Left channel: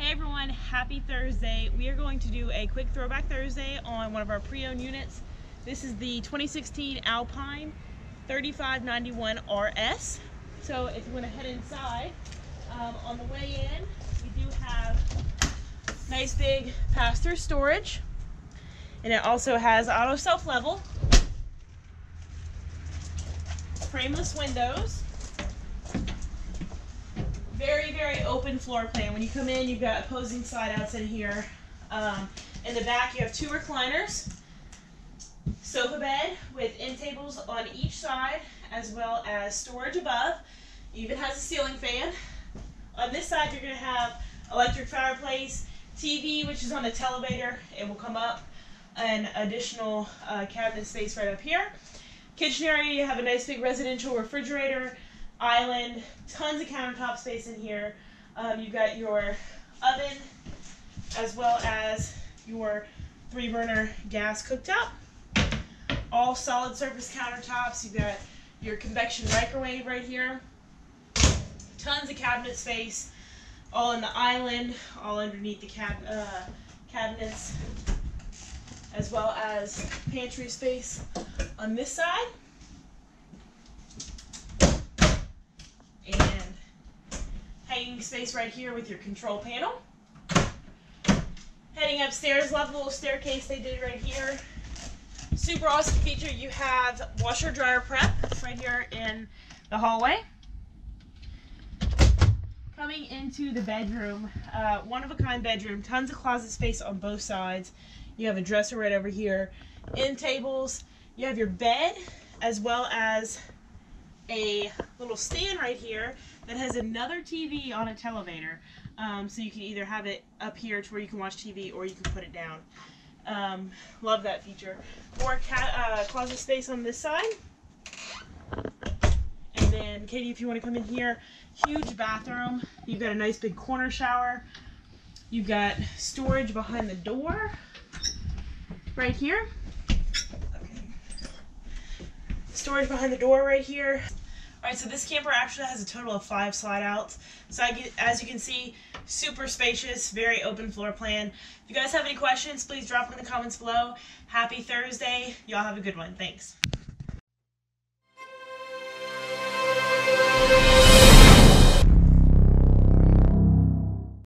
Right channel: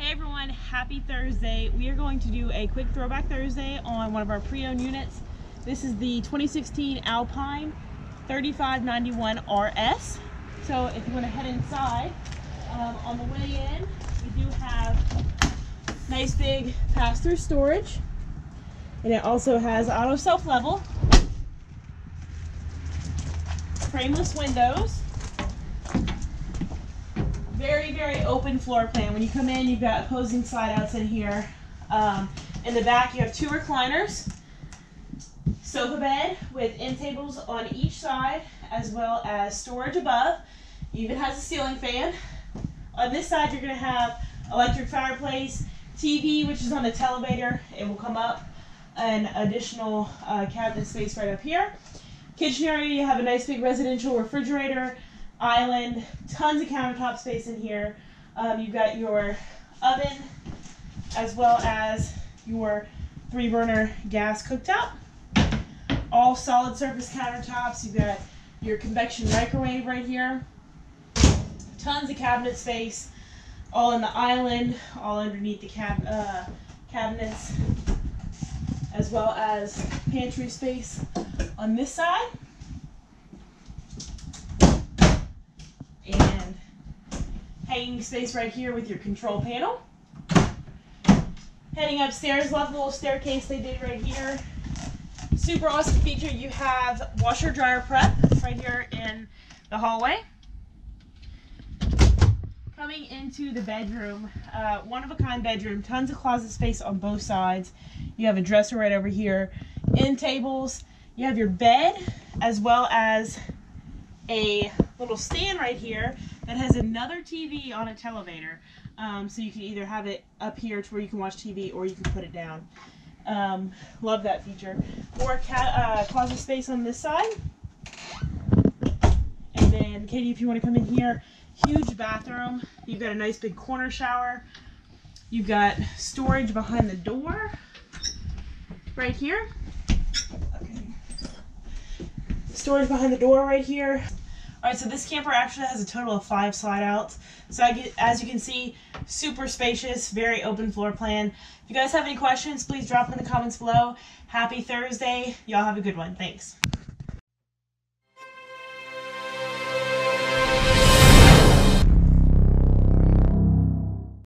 Hey everyone, happy Thursday. We are going to do a quick Throwback Thursday on one of our pre-owned units. This is the 2016 Alpine 3591 RS. So if you want to head inside, on the way in, we do have nice big pass-through storage. And it also has auto self-level, frameless windows, very open floor plan. When you come in, you've got opposing slide outs in here. In the back, you have two recliners, sofa bed with end tables on each side, as well as storage above. It even has a ceiling fan. On this side, you're going to have electric fireplace, TV, which is on the televator. It will come up, and additional cabinet space right up here. Kitchen area, you have a nice big residential refrigerator, island, tons of countertop space in here. You've got your oven as well as your 3-burner gas cooktop. All solid surface countertops. You've got your convection microwave right here. Tons of cabinet space, all in the island, all underneath the cabinets, as well as pantry space on this side. And hanging space right here with your control panel. Heading upstairs, love the little staircase they did right here. Super awesome feature, you have washer dryer prep right here in the hallway. Coming into the bedroom, one of a kind bedroom, tons of closet space on both sides. You have a dresser right over here, end tables. You have your bed as well as a little stand right here that has another TV on a televator. So you can either have it up here to where you can watch TV or you can put it down. Love that feature. More closet space on this side. And then, Katie, if you want to come in here, huge bathroom. You've got a nice big corner shower. You've got storage behind the door right here. Storage behind the door right here. Alright, so this camper actually has a total of 5 slide outs. So as you can see, super spacious, very open floor plan. If you guys have any questions, please drop them in the comments below. Happy Thursday. Y'all have a good one. Thanks.